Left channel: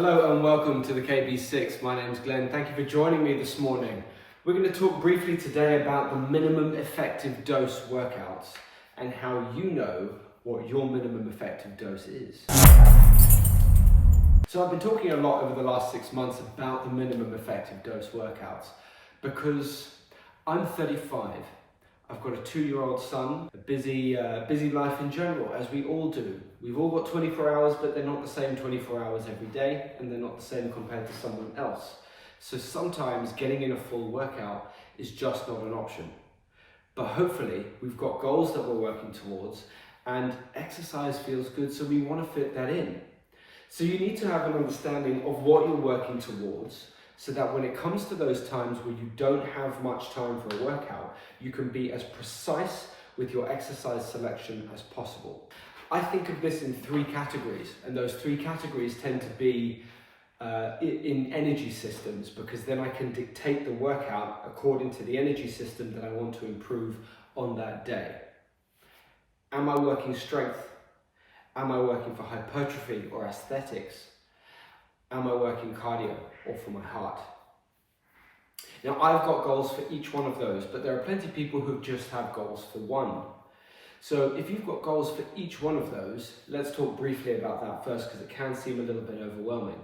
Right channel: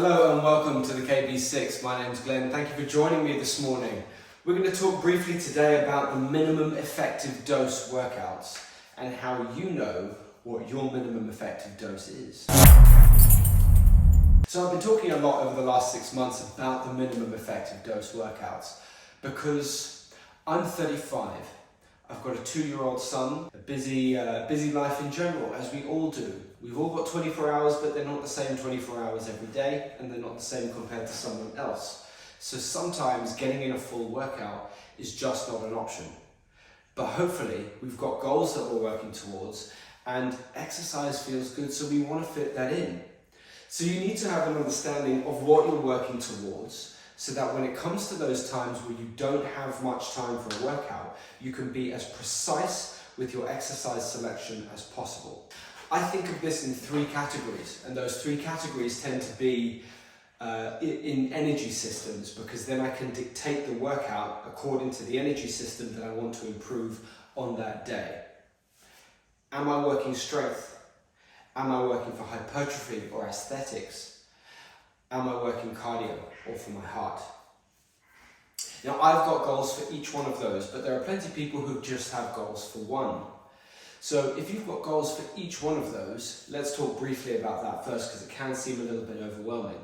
Hello and welcome to the KB6. My name's Glenn. Thank you for joining me this morning. We're going to talk briefly today about the minimum effective dose workouts and how you know what your minimum effective dose is. So I've been talking a lot over the last 6 months about the minimum effective dose workouts because I'm 35. I've got a 2-year-old son, a busy life in general, as we all do. We've all got 24 hours, but they're not the same 24 hours every day, and they're not the same compared to someone else. So sometimes getting in a full workout is just not an option. But hopefully we've got goals that we're working towards, and exercise feels good, so we want to fit that in. So you need to have an understanding of what you're working towards, so that when it comes to those times where you don't have much time for a workout, you can be as precise with your exercise selection as possible. I think of this in 3 categories, and those 3 categories tend to be in energy systems, because then I can dictate the workout according to the energy system that I want to improve on that day. Am I working strength? Am I working for hypertrophy or aesthetics? Am I working cardio or for my heart? Now, I've got goals for each one of those, but there are plenty of people who just have goals for one. So if you've got goals for each one of those, let's talk briefly about that first, because it can seem a little bit overwhelming.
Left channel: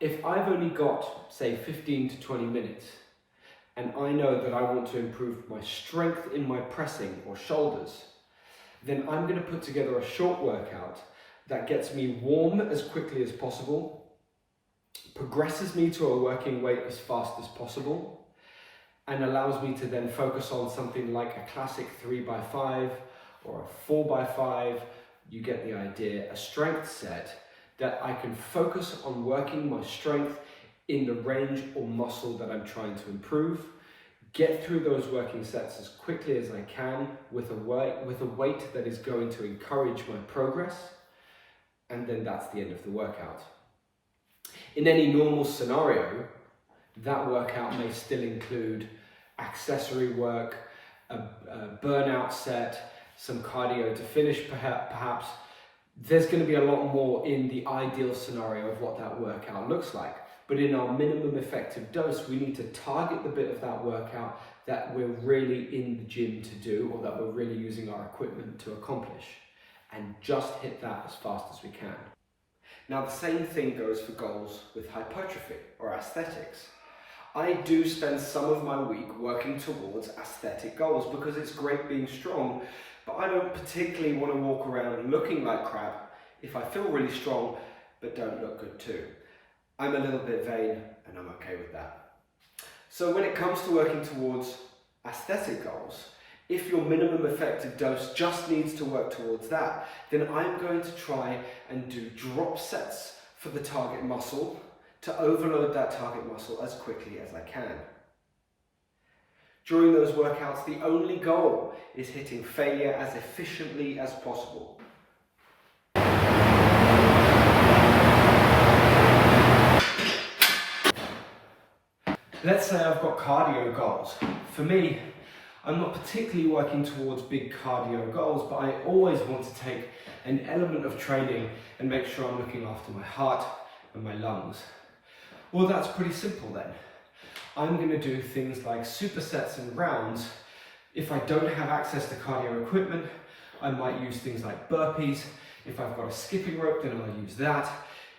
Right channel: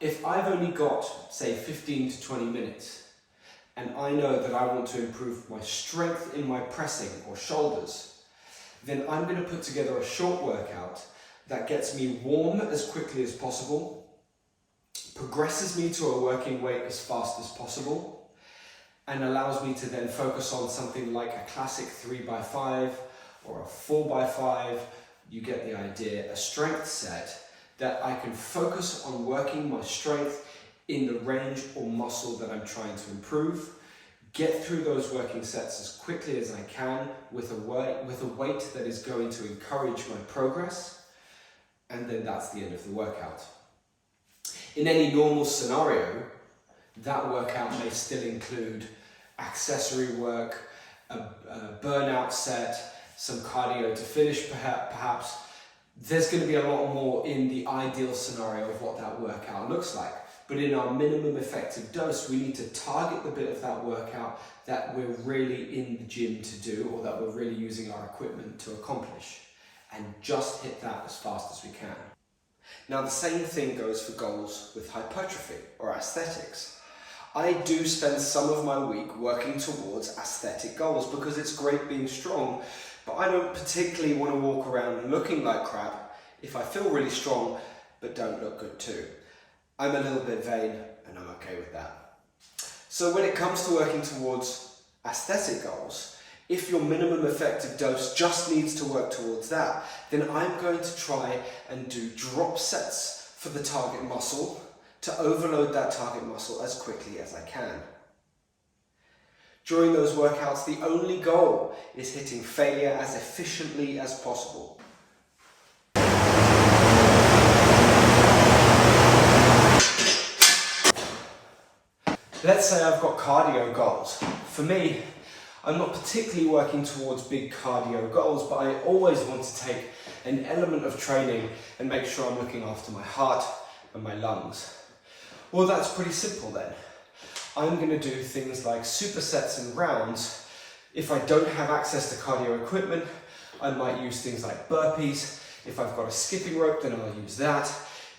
If I've only got, say, 15 to 20 minutes, and I know that I want to improve my strength in my pressing or shoulders, then I'm going to put together a short workout that gets me warm as quickly as possible, progresses me to a working weight as fast as possible, and allows me to then focus on something like a classic 3x5 or a 4x5. You get the idea. A strength set that I can focus on working my strength in the range or muscle that I'm trying to improve, get through those working sets as quickly as I can with a weight that is going to encourage my progress, and then that's the end of the workout. In any normal scenario, that workout may still include accessory work, a burnout set, some cardio to finish perhaps. There's going to be a lot more in the ideal scenario of what that workout looks like. But in our minimum effective dose, we need to target the bit of that workout that we're really in the gym to do, or that we're really using our equipment to accomplish, and just hit that as fast as we can. Now, the same thing goes for goals with hypertrophy or aesthetics. I do spend some of my week working towards aesthetic goals because it's great being strong, but I don't particularly want to walk around looking like crap if I feel really strong but don't look good too. I'm a little bit vain, and I'm okay with that. So when it comes to working towards aesthetic goals, if your minimum effective dose just needs to work towards that, then I'm going to try and do drop sets for the target muscle to overload that target muscle as quickly as I can. During those workouts, the only goal is hitting failure as efficiently as possible. Let's say I've got cardio goals. For me, I'm not particularly working towards big cardio goals, but I always want to take an element of training and make sure I'm looking after my heart and my lungs. Well, that's pretty simple then. I'm going to do things like supersets and rounds. If I don't have access to cardio equipment, I might use things like burpees. If I've got a skipping rope, then I'll use that.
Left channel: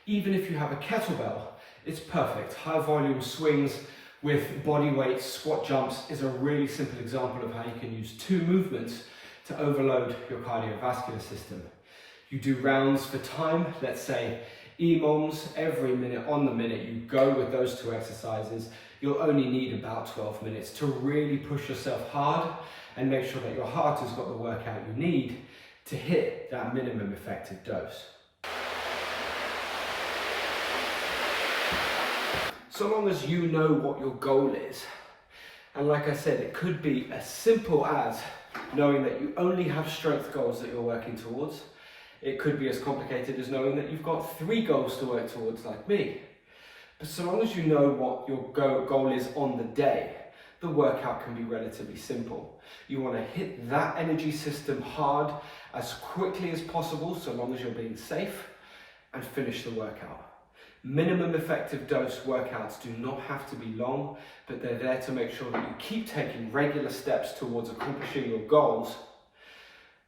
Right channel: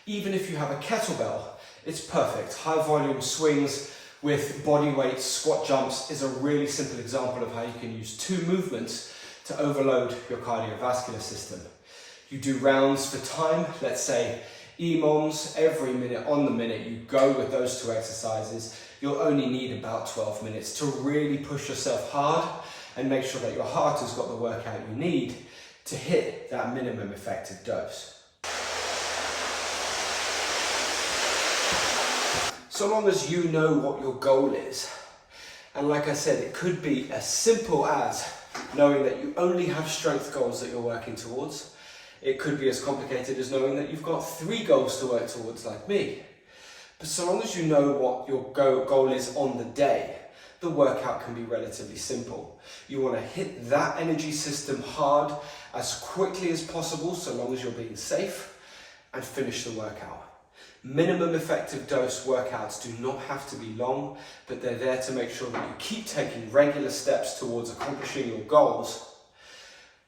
Even if you have a kettlebell, it's perfect. High volume swings with body weight squat jumps is a really simple example of how you can use 2 movements to overload your cardiovascular system. You do rounds for time, let's say EMOMs, every minute on the minute you go with those 2 exercises. You'll only need about 12 minutes to really push yourself hard and make sure that your heart has got the workout you need to hit that minimum effective dose. So long as you know what your goal is, and like I said, it could be as simple as knowing that you only have strength goals that you're working towards. It could be as complicated as knowing that you've got 3 goals to work towards, like me. But so long as you know what your goal is on the day, the workout can be relatively simple. You want to hit that energy system hard as quickly as possible, so long as you're being safe, and finish the workout. Minimum effective dose workouts do not have to be long, but they're there to make sure that you keep taking regular steps towards accomplishing your goals,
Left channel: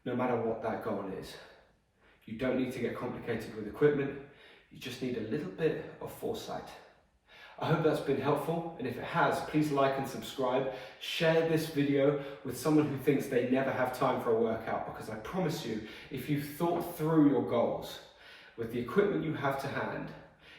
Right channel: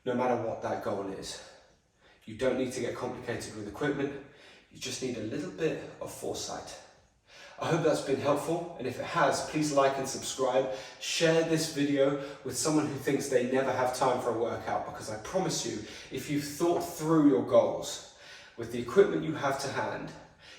no matter what that goal is. You don't need to get complicated with equipment, you just need a little bit of foresight. I hope that's been helpful, and if it has, please like and subscribe. Share this video with someone who thinks they never have time for a workout, because I promise you, if you've thought through your goals with the equipment you have to hand,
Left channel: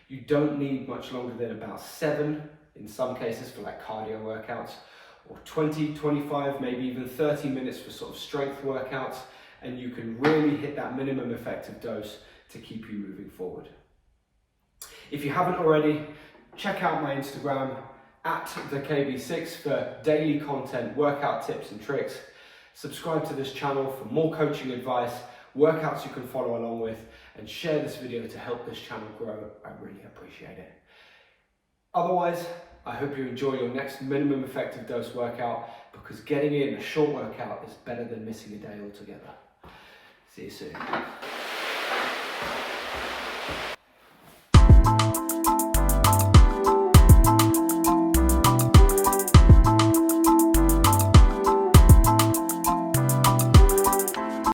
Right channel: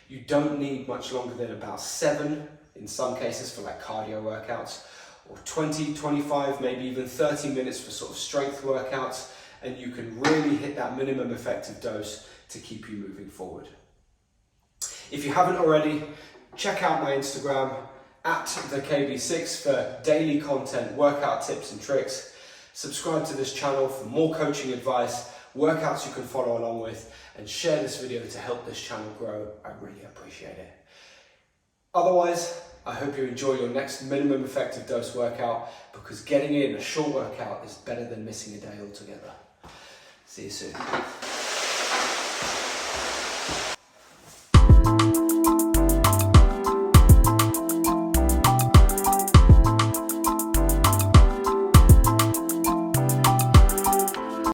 you don't need much longer than about 7, in some cases for like cardio workouts, or 20, 25, maybe even 30 minutes for sort of strength workouts, and you can really hit that minimum effective dose to keep you moving forward. If you haven't already, check out my Instagram @thekb6 for daily content, workout tips and tricks. Subscribe to this channel for more coaching advice, workouts you can follow along with, and share this video to help this channel grow. I really appreciate it. Otherwise, I hope you enjoy your next minimum effective dose workout, because getting in a short workout is better than missing a day altogether. See you soon.